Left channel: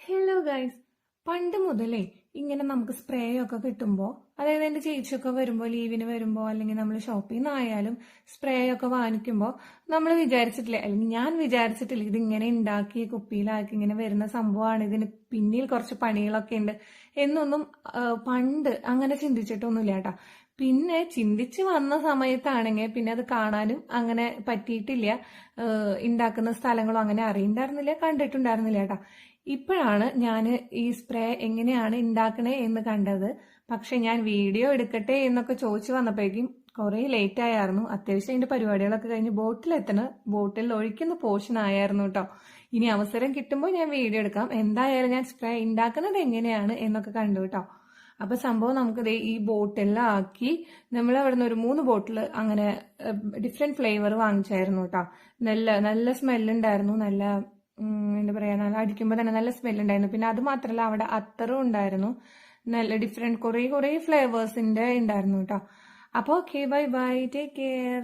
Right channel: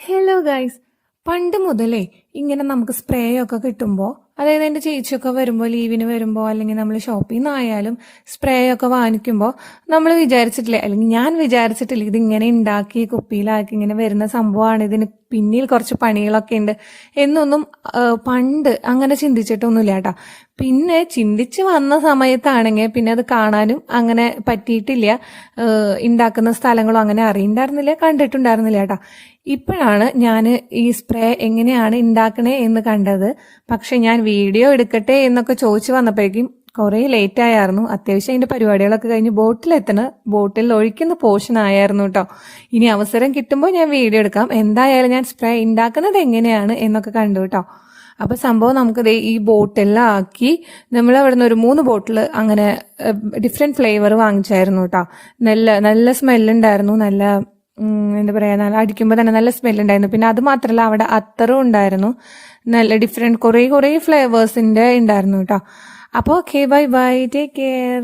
Hello guys, പണ്ട് മുതലേ ഇങ്ങനെ നമുക്ക് സ്പ്രേ ഒക്കെ കിട്ടുമ്പോൾ, അതായത് എൻ്റെ ചേച്ചിയൊക്കെ വരുമ്പോൾ, ലീവിന് വരുമ്പോൾ, അല്ലെങ്കിൽ നമ്മൾ ഷോപ്പിൽ നിന്നായാലും സ്പ്രേ ഒക്കെ വാങ്ങിക്കുമ്പോൾ നമ്മൾ വിചാരിച്ചിട്ടില്ല, അല്ലെങ്കിൽ ഞാൻ വിചാരിച്ചിട്ടില്ല ഇതിങ്ങനെ ഉണ്ടാക്കി കുപ്പിയിലാക്കി ഇങ്ങനെ വരുന്ന സംഭവമാണ്, ഇതിന് പിന്നിൽ കുറച്ച് പണികളൊക്കെ ഉണ്ട് എന്നൊന്നും പണ്ട് അങ്ങനെ ചിന്തിച്ചിട്ടൊന്നുമില്ല കേട്ടോ. പിന്നെ ചിന്തിച്ച് വന്ന സമയത്താണെങ്കിൽ പിന്നെ അത് കാണാനും അങ്ങനെ പറ്റിയിട്ടില്ല. ഉണ്ടാക്കുന്ന സ്ഥലങ്ങളും അങ്ങനെ അറിയണ്ടായിരുന്നില്ല, കണ്ടിട്ടുണ്ടായിരുന്നില്ല കേട്ടോ. ഇപ്പോഴാണ് ഞാൻ ഈ സ്പ്രേ എങ്ങനെയാണ് ഉണ്ടാക്കണേ എന്ന് കണ്ടത്. പക്ഷെ ഞാൻ വീഡിയോ എടുക്കട്ടെ എന്നൊക്കെ ചോദിച്ചു വന്നപ്പോഴേക്കും കുറേ ലേറ്റ് ആയിരുന്നു. അത്യാവശ്യം അതിൻ്റെ പരിപാടികളൊക്കെ കഴിഞ്ഞ് ബോട്ടിൽ ഒഴിക്കുന്ന പോർഷൻ ആയിരുന്നു കേട്ടോ. ഇനി അവസരം കിട്ടുമ്പോൾ ഞാൻ വീഡിയോ എടുക്കാം. എന്തായാലും ഞാൻ സ്പ്രേ ഉണ്ടാക്കുന്നത് എങ്ങനെയാണ് എന്നൊക്കെ കണ്ടു കേട്ടോ. അപ്പോൾ സംഭവം നമുക്കത് ഈ ബോട്ടിലെല്ലാം ആക്കി നമ്മൾ അവിടെ നിന്ന് ഒരു 3 ബോട്ടിൽ അങ്ങനെ ഡിഫറെൻറ്റ് ഫ്ലേവർ വാങ്ങിച്ചായിരുന്നു കേട്ടോ. നല്ല നല്ല സ്മെല്ലുണ്ടായിരുന്നു. നല്ല എന്താ പറയുക, നല്ല അടിക്കുമ്പോൾ തന്നെ നല്ല സ്മെല്ലുണ്ടായിരുന്നു. പിന്നെ അത് മാത്രമല്ല, അവിടെ അത്തറും ഉണ്ടായിരുന്നു. നല്ല ഡിഫറെൻറ്റ് കുറേ ഫ്ലേവേഴ്സിൻ്റെ ഉണ്ടായിരുന്നു കേട്ടോ. അപ്പോൾ okay, bye bye, take care.